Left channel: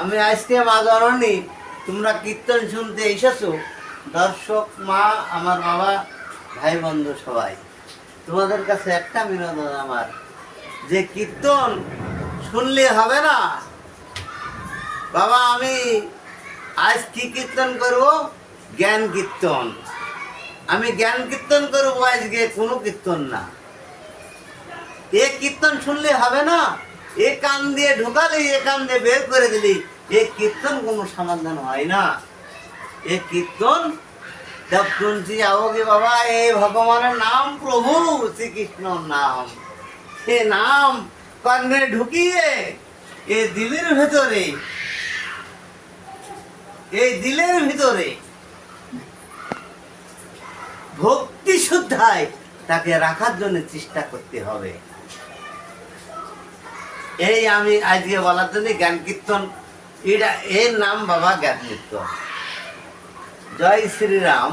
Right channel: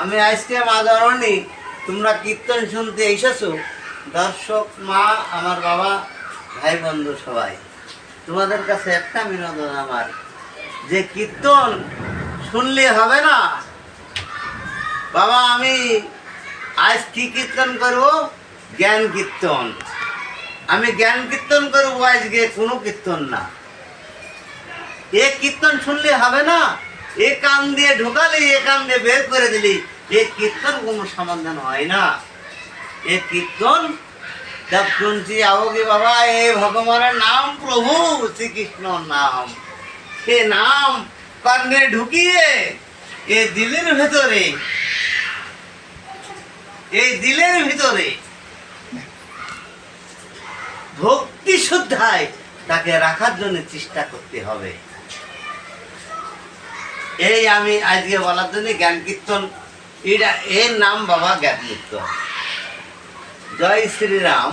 আমি আজকে মা জননী তোমরা কীর্তন শুনতে এসেছো, দর্শক মা, আমার বাবা, ভাই বন্ধু সবাই, তোমাদের কাছে একটা বিনোদন আমার, যে কীর্তন শুনলে হবে না বাবা। আমি আজ কি কীর্তন করব? জ্ঞান কীর্তন। আমি জ্ঞান কীর্তন করবো আজকে, কোনো কীর্তন না। এ কীর্তন শুনলে হবে না, এ কান দিয়ে ঢোকালি, এ কান দিয়ে বের করে দিলি, এ কীর্তন কোনো সমাধান হয় না। এ কীর্তন जब শুনছি आओगे বাবা, এ ভগবানের নাম, প্রভু শ্রীকৃষ্ণর নাম, এ নাম কানে ঢুকিয়ে এ দিলের ভেতরে, এই দিলের ভিতরে ভক্তি শুদ্ধায় তাকে রাখার জন্য চেষ্টা করতে হবে। এই আমি আজকে বলার জন্য জ্ঞান কীর্তন, এটা এর নাম বাবা জ্ঞান কীর্তন। জয় শ্রীরাম।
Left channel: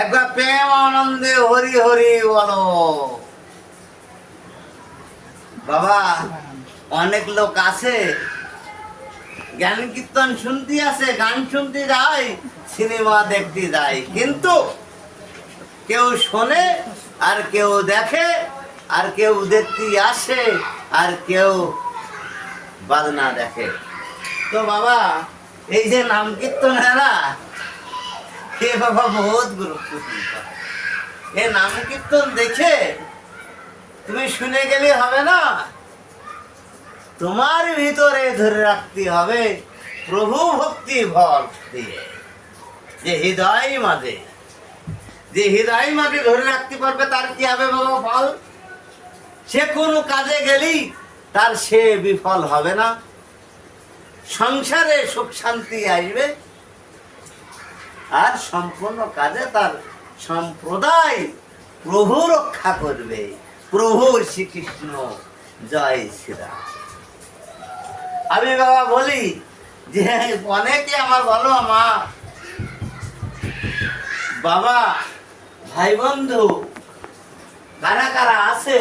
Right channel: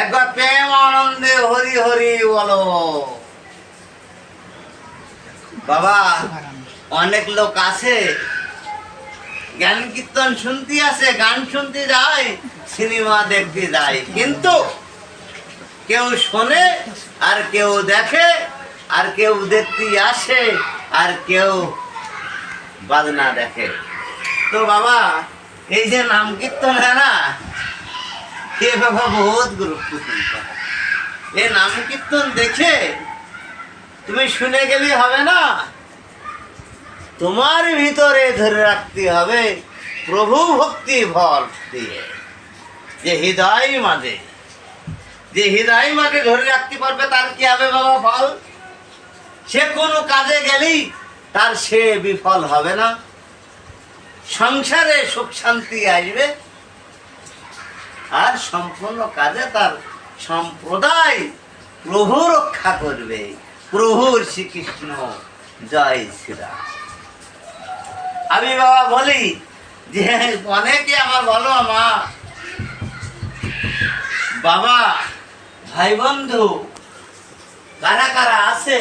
একবার প্রেম আনন্দে হরি হরি বলো বাবা। অনেক লোক আছে জ্ঞান কীর্তন শুনতে আসে, গান শুনতে যায়, সিনেমা দেখতে যায়, কিন্তু কেউ শোনে আর কেউ দেখে, আর কেউ দেখতে আসে আর কেউ বাজনা দেখে। তো বাবা এই যে নাম কীর্তন है না, ये बाबा बहुत गुरुत्वपूर्ण है। ये नाम कीर्तन देखे তুমি শুনে গেলে হবে না, তোমার ভিতরে ধরে রাখতে হবে প্রভু ভক্তি ফল দিয়ে। যে হৃদয় মাঝে, যে হৃদয় মাঝে ধরে রাখতে পারবে তার কি হবে বাবা ফল? সে কোনো কাজে গেলেই তার সে বিফল হবে না, সংসারে সুখ শান্তি আসবে, আর সম্পূর্ণ কাজে তার সম্প্রদায় প্রভু রক্ষা করবে। প্রভু শ্রীকৃষ্ণ, জয় শ্রীরাম। আমি বাবা বলি যে অনেকে আমার বলো মা বাবা ভাই বন্ধু কারা কারা আছে,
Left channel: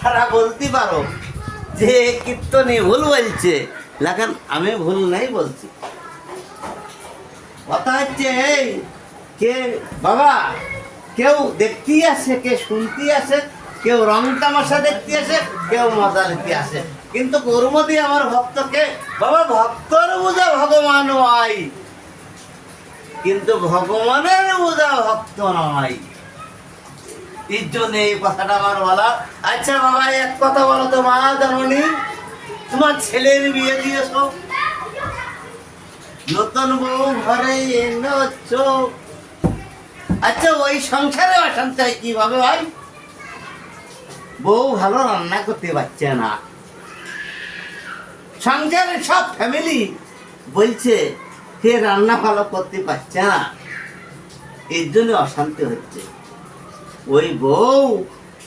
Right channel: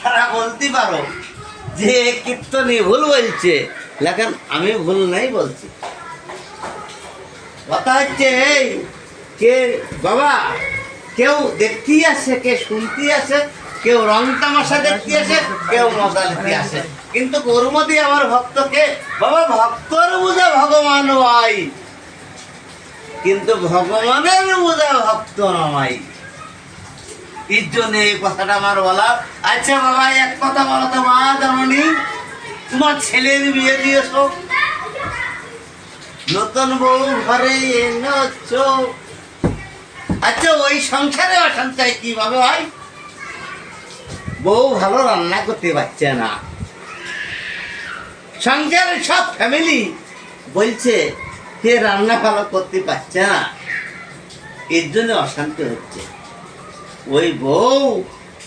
তারা বলতে পারো যে কীর্তনী ভুল বলছে, লেখেন আমি ভুল নাই বলছি। কথা হচ্ছে এই কে বাবা, কেউ দেখতে আসে, কে শুনতে আসে, কেউ রং তামাশা দেখতে আসে, কেউ মজা নিতে আসে, কিন্তু কর্মদি আমার ভক্তকে বাবা, ভক্তর বুঝা ভগবান হয়, কিন্তু ভগবানের বুঝা ভক্ত নয়। এর জন্য এই কথাটা আমার বলা। আচ্ছা বাবা এক কথা বলো তো মা জননী, তোমার ছেলের বিয়ে দিয়েছো, নতুন বউ ঘরে এনেছো, আচ্ছা ওই সংসারে অশান্তি কিভাবে হয়? বউ ভালো রান্না করতে পারছে না, সংসারের সব ফ্যামিলি বলছে কে রান্না ভালো করতে পারছে না, এর জন্য অশান্তি হচ্ছে। ওই বউ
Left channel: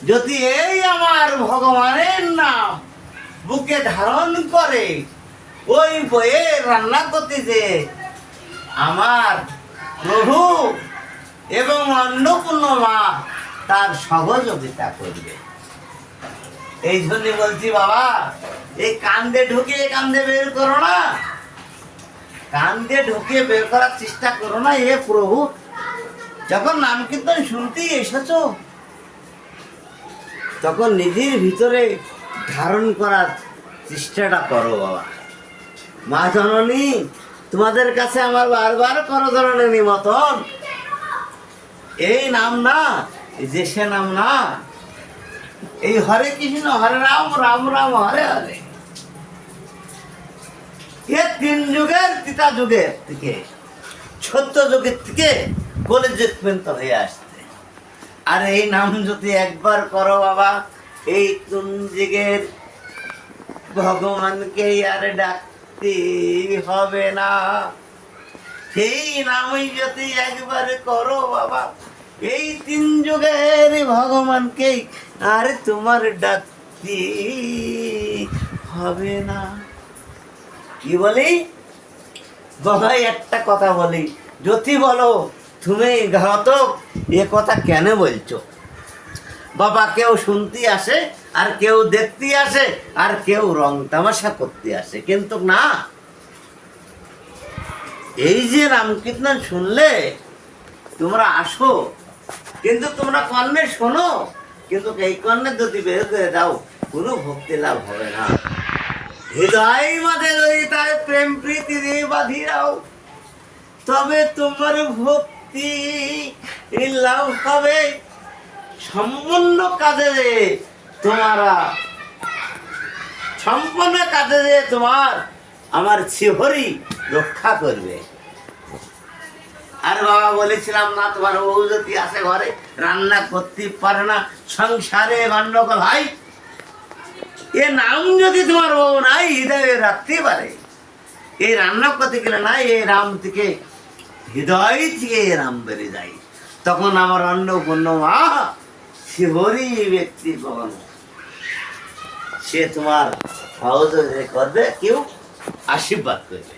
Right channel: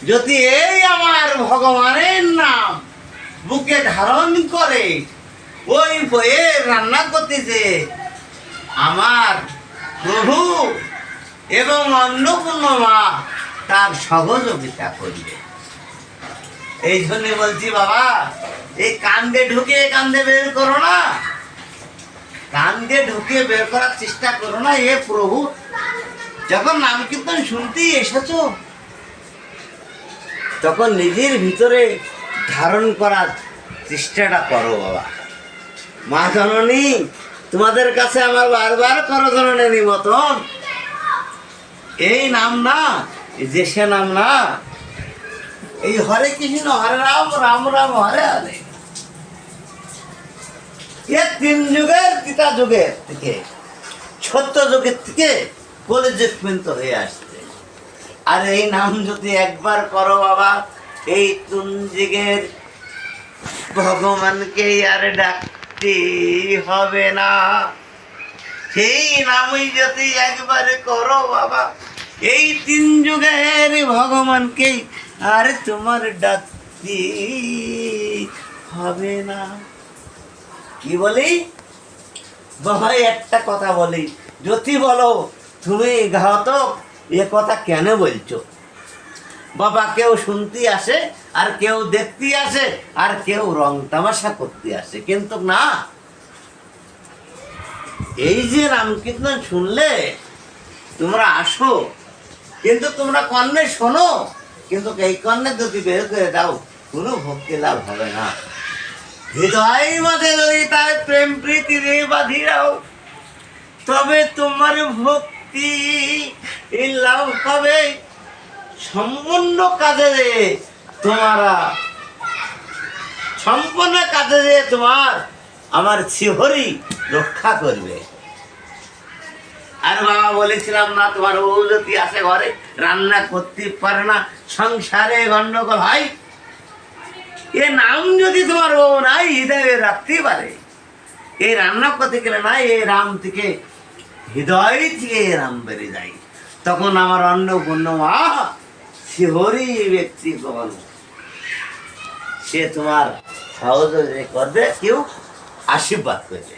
যদি এই আমার ভগবানের নাম বুকে ধারণ করে, ওই বইয়ে রান্না করতেছে আমার প্রভু এবং অন্নপূর্ণ মা তার সহযোগিতা করবে। এই জন্য বলছি বাবা, এই কান্দে ঢুকিয়ে কান্দে বের করো না, কান্দে ঢুকিয়ে বের করার চেষ্টা করো না। এ প্রভু যখন নাম কীর্তন শুনতেই এসেছো, তখন নিজের ভিতরে ধারণ করার চেষ্টাটা করো বাবা। মা জননী তোমাদের কাছে আমার বারবার করো জননী নিমন্ত্রণ, এই নাম না, যে সে নাম না, এই হরে কৃষ্ণ হরে রাম রাম রাম হরে হরে, এ তিন যুগের তিতা যুগের থেকে, সত্য যুগের থেকে কলিযুগ পর্যন্ত হয়ে আসছে। আর এই নাম যদি একবার করো বাবা, এই তিন যুগের ভগবানকে আর ডাকতে হবে না। সেই নামই যদি একবার করো বাবা, এই তিন যুগের ভগবানকে আর তোমার ডাকতে হবে না। কি বলি বাবা, একটা কথা বলি, যদি বলো তুমি ঘাতক, এ কথা কেন বলছো? বাবা কেউ শুনতে আসে, আর কেউ দেখতে আসে, আর কেউ রং তামাশা করতে আসে, কিন্তু না, এই যে রাম কীর্তন শুনলে তোমরা আসো, কিন্তু তোমরা কর্ণে শোনো, কিন্তু এই কর্ণে যদি বের করে দাও কোনো ভক্তি লাভ হবে না। হৃদয় মাঝে যদি তাই প্রেম প্রীতি রে বাঁধিরাও, তবে তোমার ভক্তি লাভ হবে। সম্পূর্ণ কাজে তোমারা, সম্পূর্ণ কাজে তোমার আমার শ্রীহরি রক্ষা করবে। আর বাবা বলেছিলাম না, তোমার বউ যদি আসে ঘরে রান্না করতে পারে না, সংসারে গন্ডগোল হয়, এ নাম যদি তোমার বউ নাই হৃদয়ে রাখতে পারে, এই রান্না করতে গেলে না, এই রাম থেকে হৃদয় থেকে রাম বেরিয়ে যায়, তখন আমার অন্নপূর্ণ মা শ্রীহরি ব্যক্তি ভগবান, সে তোমার সহযোগিতা করবে, কেউ আশীর্বাদ করবে।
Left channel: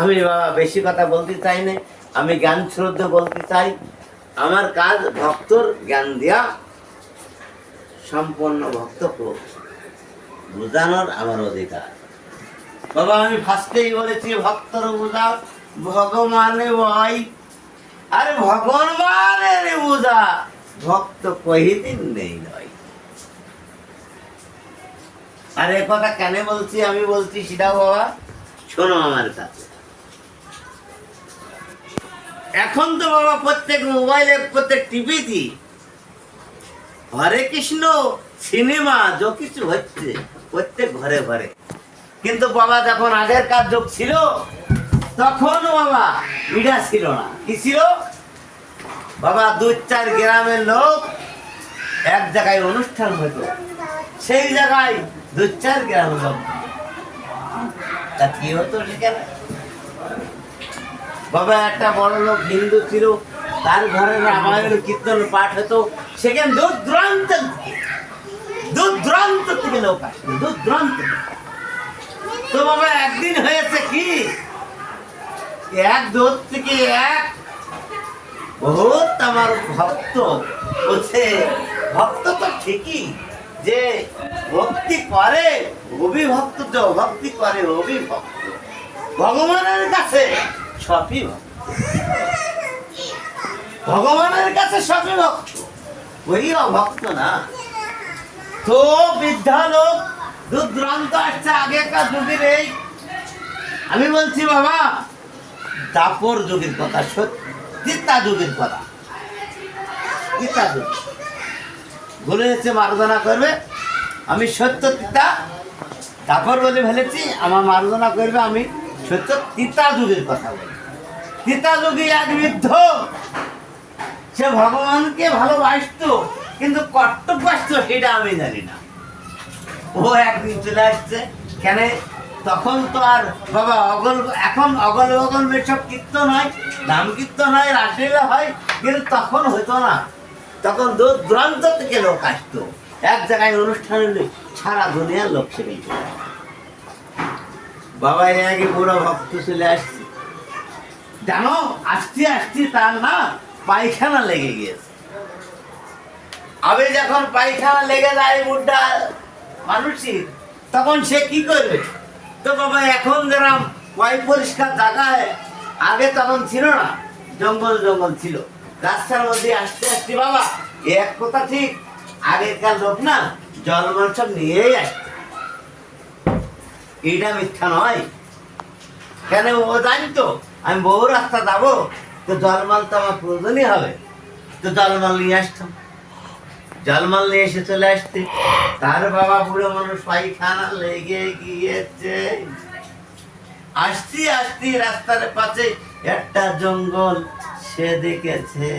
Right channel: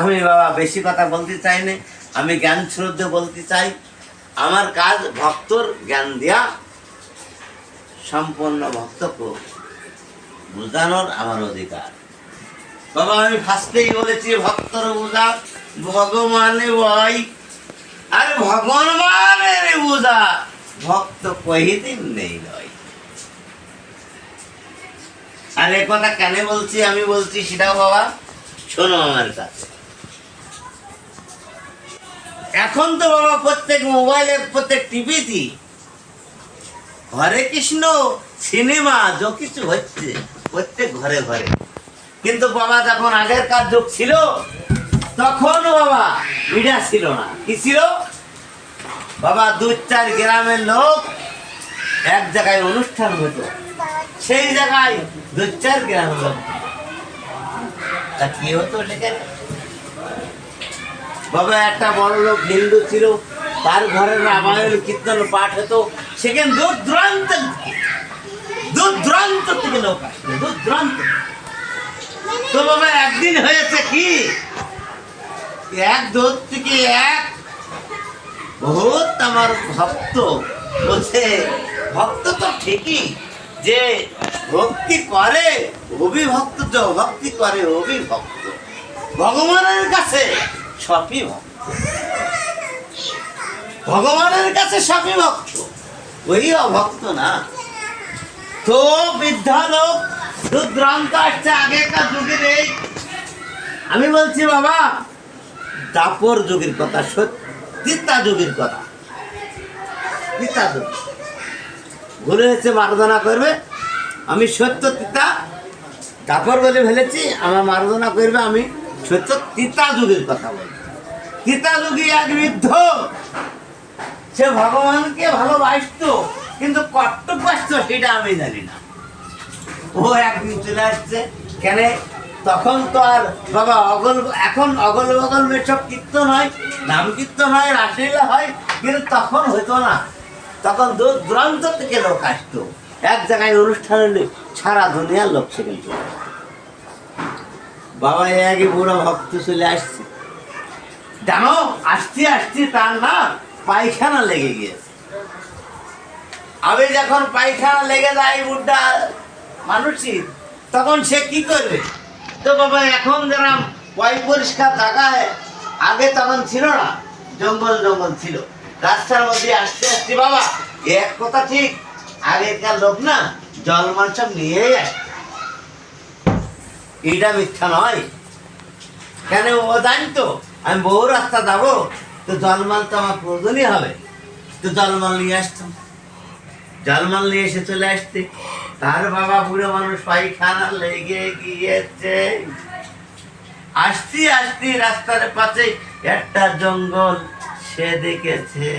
আমি বাবা বেশি কথা বলতে চাই না, আমি জ্ঞান শ্রদ্ধা বলতে চাই। আমার কাজ ভক্তর জ্ঞান দেয়া, সম্পূর্ণ ভক্তকে বুঝানোর আমার অধিকার। বাবা আমি ফার্স্টেই বলেছি ভক্তর বুঝা ভগবানে বই, আর ভগবানের বুঝা ভক্ত কহিদিন নেই নয়। আর এ কথা কেন বলছি, আমি বলছি সেটাও বাবা শোনো আমার কাছে। এখন তো বাবা প্রত্যেক মোবাইলে, প্রত্যেক টিভিতে হরে কৃষ্ণ সিনেমা যা কিছু হচ্ছে প্রত্যেক ঘরে ঘরে, কিন্তু বাবা যখন আগেরকার যুগ ছিল তখন বাবা মিডিয়া ছিল না। কি ছিল বাবা? 2-4 গ্রামের লোক এক জায়গায় অনুষ্ঠান হতো, সেই জায়গায় 2-4 গ্রামের লোক, তা কি হতো সেখানে বাবা? একটা বড় লোক হিন্দু ছিল, তার ঘরে রামায়ণ কীর্তন পাঠ হতো, সেখানে দূর দূরান্ত থেকে লোক আসতো, দূর দূরান্ত। তো বাবা একদিন হয়েছে কি, এক দূর থেকে এক বহুত আমার ভক্ত বলছে, ভক্ত তো ঠিকই, যে ভক্তি করে অভিভক্ত, তো ভক্তি করে অভিভক্ত, ভগবানের কাছে সবই ভক্ত, ভগবানের কাছে সবই ভক্ত, ওই অভক্ত না। তো বৃদ্ধা লোক দুর্দান্ত আসছে আগেকার যুগের। এই আমি বলছি বাবা দাপর যুগের কথা, সত্যিতা যুগের কথা, তিতা যুগ বলে হচ্ছে মার্জনা করবে, আমি সত্য তিতা দাপর বলে ফেলেছি, আমার মার্জনা করবে, আমি সত্য তিতা যুগের কথা বলি। তিতা যুগে এক বৃদ্ধ, সে ভগবানকে ভালোবাসত, কিন্তু কর্তব্য আসতো সেটা আমি জানি না। ও একদিন চলে আসছে, কেন তখন তো আর বাবা এখন অগল বগল সব কীর্তন হয়, নাম কীর্তন হয়, রাসলীলা হয়, কিন্তু তখন হইতো না। তখন দূর দূরান্ত থেকে লোক আসতো, এক জায়গায় অনুষ্ঠান হলে সারা দুনিয়ার লোক সেখানে চলে আসতো। বাবা আগে বুড়ো ভক্ত চলে আসছে, জানো আসতে আসতে তার না পায়খানা লেগে গিয়েছে। আবে যখন পায়খানা লেগে যায় বুড়া মানুষের, তখন সে কি করবে? তো বাবা এখন যেরকম পয় পরিষ্কার জায়গায় আগে তখন ছিল না, জঙ্গল জঙ্গল ছিল, রাস্তার মধ্যে আসতে আসতে বাবা এক কথা ঠিক, আগেকার লোক না জলমান সব নিয়েই আসে, এটা মিথ্যা নয়। কেন ও জানতো আমি বহু রাস্তা যাবো, তো জলমাল তো আমার প্রয়োজনই হবে, তো জলমাল নিয়ে আসতাম, জলমাল নিয়ে এসে চলে আসতে। তার বাবা বুড়ো মানুষ পায়খানা লেগে গিয়েছে, আসতে আসতে রাস্তার পাশে একটা জঙ্গল সে দেখেছে,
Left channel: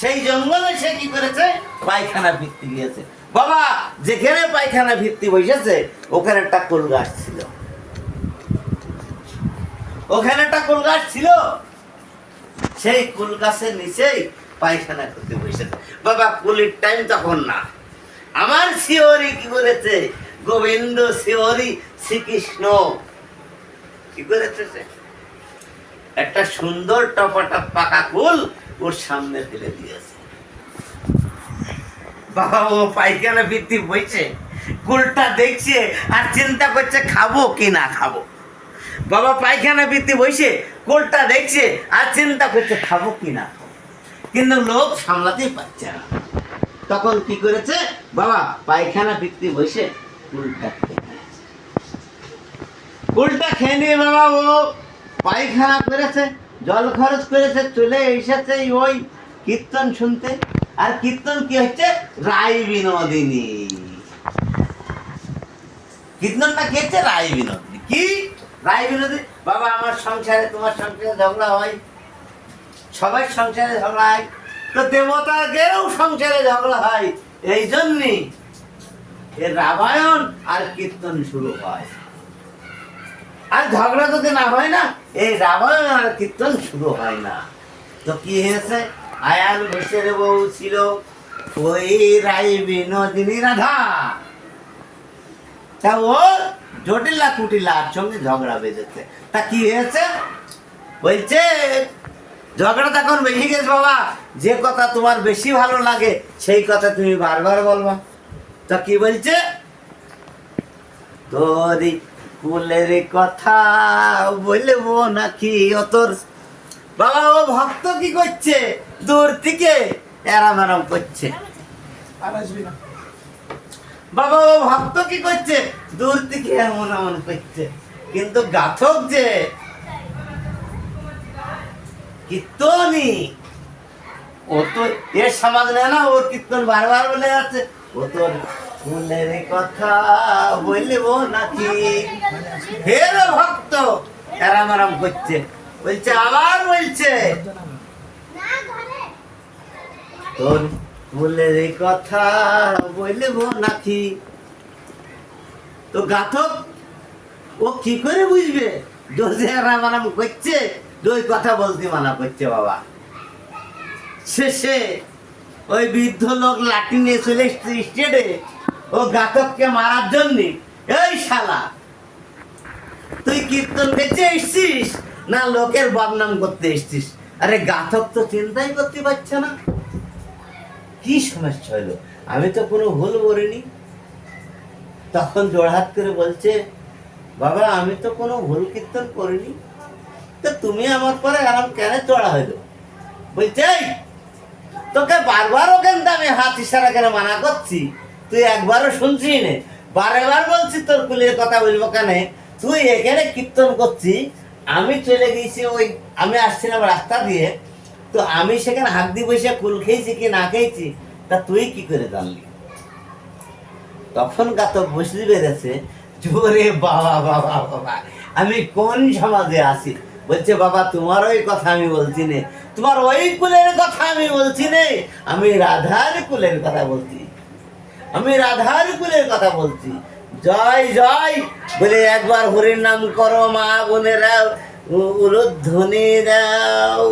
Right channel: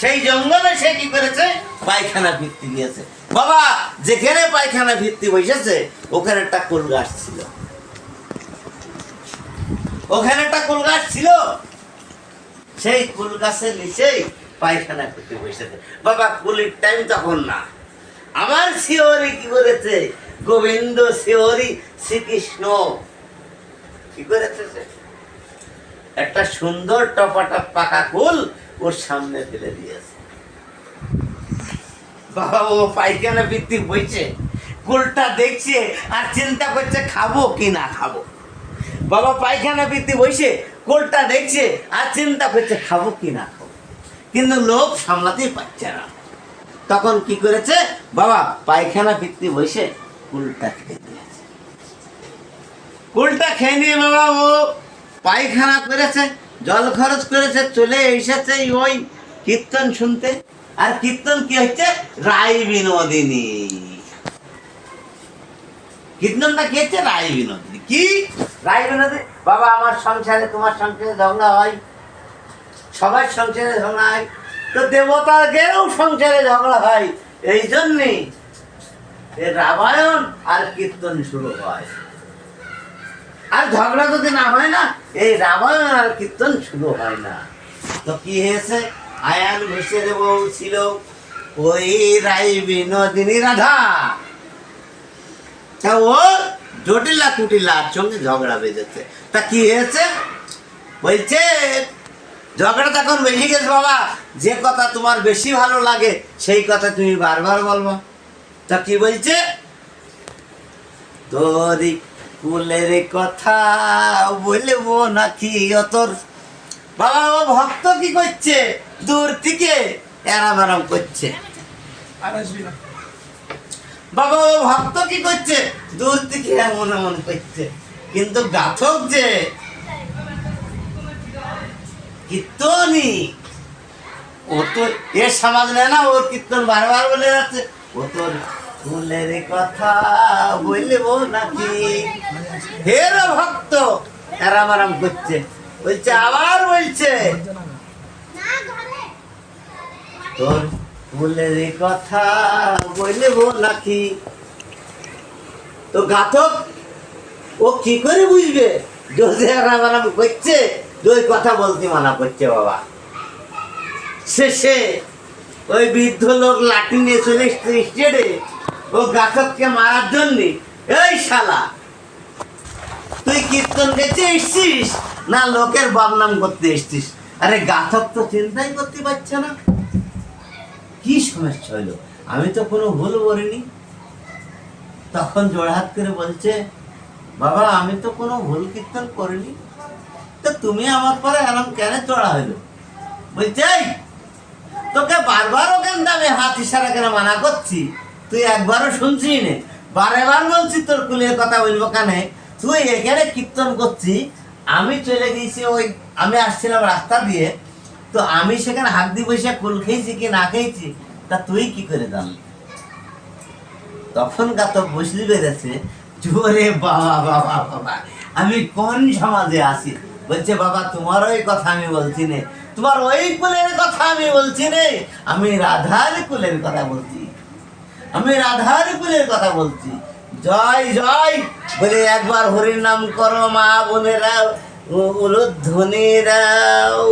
সেই জঙ্গলে সে কি করেছে? পায়খানা ভিত্তি গিয়েছে। বাবা যেখানে পায়খানা ভিত্তি বসেছে ওখানে একটা কুল গাছ ছিল, ওখানে একটা কুল গাছ ছিল, সেই কুল গাছের নিচেই পায়খানা করতে বসেছে। বাবা কুলির টাইম তখন না, আমার শিহরি কি করেছে? গোবিন্দ শিহরি শ্রীকৃষ্ণ কি করেছে? একটা সুন্দর টপাটপ পাকা কুল ওর সামনে ফেলে দিয়েছে। বাবা ও পায়খানা বৃত্তি বইছে, কুলটা দেখছে আর চিন্তা করছে খাবো কি না খাবো। বাবা পায়খানা বৃত্তি বইছে, কুলটা দেখছে আর চিন্তা করছে খাবো কি না খাবো, কিন্তু লোভ সামলাতেই পারছে না। তখন কি করেছে বাবা, পায়খানা বৃত্তি বসে কুলটা খেয়ে নিয়েছে। কুলটা খেয়ে নিয়ে বাবা ও পায়খানা করেছে, জল খরচ করেছে, চলে এসেছে ওই কীর্তন শুনতে। আর কীর্তন কি হচ্ছে, রায় বিনোদিনী। কীর্তনটা কি হচ্ছে, রায় বিনোদিনী। কি রায় বিনোদিনী? বাবা আমার সংসারে তোমার সংসারে ঝগড়া হয়, সবার সংসারে ঝগড়া হয়, তো দেবতাদেরও সংসারে ঝগড়া হয়। এই জন্যই রামায়ণ আর কীর্তন শুরু হয়। আর ঝগড়া যদি না হয় না, এই রামায়ণ আর কীর্তন শুরু হয় না। তো কি হয়েছে, আয়ান ঘোষের বউ ছিল ওই রাই বিনোদিনী রাধা। তা ওর জটিলা কুটিলার সঙ্গে ঝগড়া বেঁধেছে। তা কি হয়েছে, বলছে ঝগড়া তখন বেশি গেছে বাবা, যে কথা তোমার বেশি ভালো লাগে সেই কথা তুমি বারবার বলবা। তা কি বলছে, তোরই কুলের কথা বলবো নাকি তোর। বাবা ও ভক্ত কি করছে, দূর থেকে এরাম এরাম করছে। বাবা ও ভক্ত কি করছে, দূর থেকে এমন এমন করছে, কিন্তু গাথক যে কীর্তনই, ও তো এর সমাজ নেয় না, ওর কীর্তন বারবার বলে যাচ্ছে, ও তোর ফুলের কথা বলবো নাকি। ফের ভক্ত এরাম আরাম করছে, বলছে আবার বলছে তোর ফুলের কথা বলবো নাকি। তো গাথক ও কি করে বুঝবে যদি এরাম আরাম করছে, ওই কথা বলতে মানা করছে বাবা। শেষে ওই বৃদ্ধ লোক লাঠি নিয়ে চলে এসছে স্টেডে ও গাথককে মারার জন্য। এই শালা, তুই কীর্তন গেছে এসছিস না লোকের বদনাম করতে এসছিস? আরে গাথক তো চিন্তাই করতে পারছে না কি সমস্যা হলো, আমি তো কোনো ভুল করিনি। তখন জোড়হাত করে বলছে, বাবা আমি তো কোনো ভুল কীর্তন করিনি, তো তুমি আমার পরে এরকম কেন চড়া হইলো? বলছে তোকে বারবার ওখান আমি হাত ইশারা করে মানা করছি, তুই একবারও শুনছি নে, বারেবার বলছি তোর কুলের কথা বলবো কেন, তুই এখানে কীর্তন করছি, আমি চলে গেছি ওই, আমি আসছিলাম রাস্তা দিয়ে, তো আমি সেখানে হাত দিয়ে বসে কুল খেয়েছি কি না খেয়েছি তা তুই কি করে জানলি? তখন গাতক বসলি বেড়েছে, জোরে বাবা বাবা বাবা আমি কোন সমাজে আছি। বলছে বাবা তোমার ওই কথা আমি বলছি নে, তোমার ওই কুলের কথা আমি বলছি নে, আমি রাধার কুলের কথা বলছি, আমি রাধার কুলের কথা বলছি। জয় জয় বলে একবার হরির নাম করো মা বোনেরা, উলুধ্বনিরাও।